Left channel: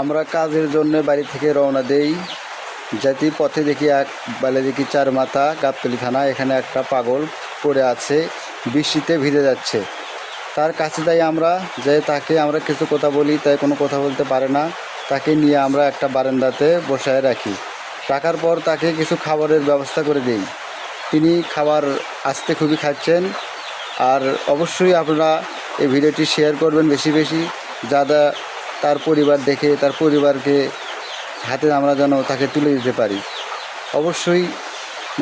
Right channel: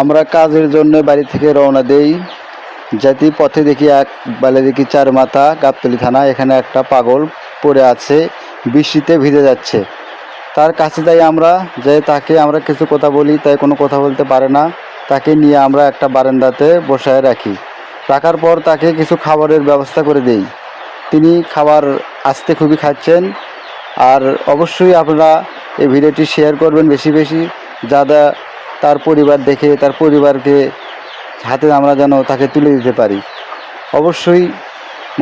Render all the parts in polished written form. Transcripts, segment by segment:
আমরা কাজের জন্য বাড়ি থেকে রওনা দেই। যেতে পথে দেখি দেখি চার মাথা গাবতলী থানা, এখানে একটা পাগল পড়ে আছে, বৃষ্টিতে ভিজে যাচ্ছে। তার কাছে যাই আমরা, যে তাকে আমরা কিছু কথা বলি, তাই কোনো কথা বলতে পারে না। তাকে নিয়ে আমরা একটা বারান্দাতে বসায় রাখি। রাখার পর তাকে কিছু খাবারের ব্যবস্থা করে দেই। তিনি খাবার আস্তে খুবই খাচ্ছেন। আর অবশ্যই আপনারা এই ভিডিওটি শেয়ার করবেন বেশি বেশি, যাতে তার পরিবার দেখে তার পরিবারকে হাতে আমরা যেন তাকে তুলে দিতে পারি। অবশ্যই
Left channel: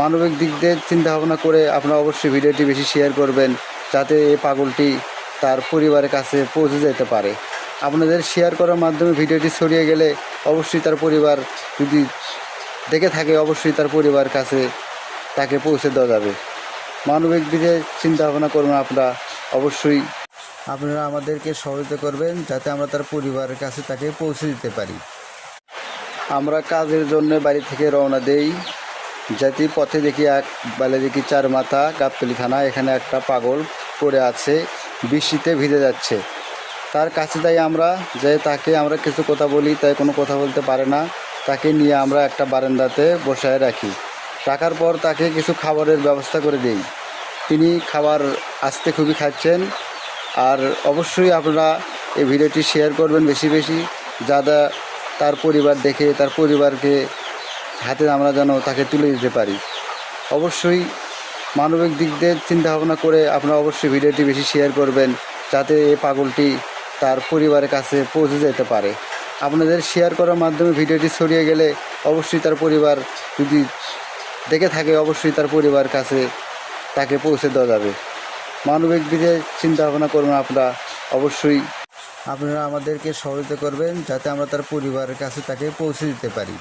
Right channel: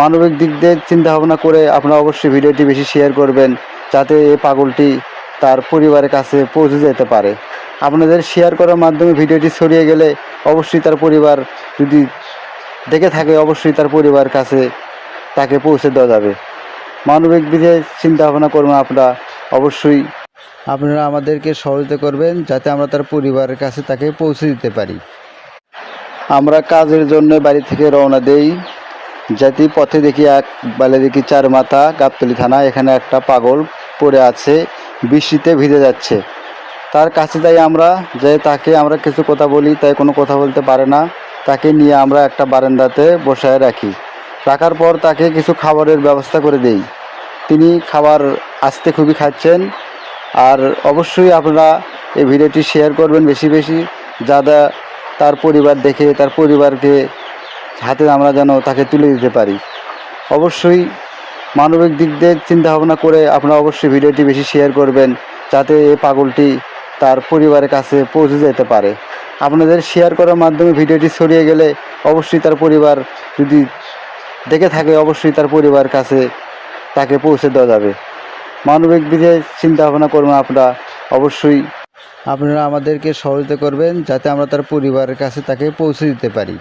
মানবিক দিক দিয়ে চিন্তা ভাবনা করে আপনারা অবশ্যই ভিডিওটি বেশি শেয়ার করবেন, যাতে এই পাগলটি তার পরিবারের কাছে পৌঁছে যেতে পারে। আপনাদের শেয়ার করার মাধ্যমে ভিডিওটি ছড়িয়ে গেলে অবশ্যই তার পরিবার যদি দেখে থাকে, অবশ্যই তার পরিবার কাছে তাকে পৌঁছে দেওয়া যাবে। মানবিক দিকে চিন্তা ভাবনা করবেন আপনারা। অবশ্যই আপনারা আমাদেরকে সহযোগিতা করবেন, যাতে আমরা তার পরিবারের কাছে তাকে পৌঁছে দিতে পারি। আমরা কাজের জন্য বাড়ি থেকে রওনা দেই। যেতে পথে দেখি দেখি চার মাথা গাবতলী থানা, এখানে একটা পাগল পড়ে আছে, বৃষ্টিতে ভিজে যাচ্ছে। তার কাছে যাই আমরা, যে তাকে আমরা কিছু কথা বলি, তাই কোনো কথা বলতে পারে না। তাকে নিয়ে আমরা একটা বারান্দাতে বসায় রাখি। রাখার পর তাকে কিছু খাবারের ব্যবস্থা করে দেই। তিনি খাবার আস্তে খুবই খাচ্ছেন। আর অবশ্যই আপনারা এই ভিডিওটি শেয়ার করবেন বেশি বেশি, যাতে তার পরিবার দেখে তার পরিবারকে হাতে আমরা যেন তাকে তুলে দিতে পারি। অবশ্যই মানবিক দিক দিয়ে চিন্তা ভাবনা করে আপনারা অবশ্যই ভিডিওটি বেশি শেয়ার করবেন, যাতে এই পাগলটি তার পরিবারের কাছে পৌঁছে যেতে পারে। আপনাদের শেয়ার করার মাধ্যমে ভিডিওটি ছড়িয়ে গেলে অবশ্যই তার পরিবার যদি দেখে থাকে, অবশ্যই তার পরিবার কাছে তাকে পৌঁছে দেওয়া যাবে। মানবিক দিকে চিন্তা ভাবনা করবেন আপনারা। অবশ্যই আপনারা আমাদেরকে সহযোগিতা করবেন, যাতে আমরা তার পরিবারের কাছে তাকে পৌঁছে দিতে পারি।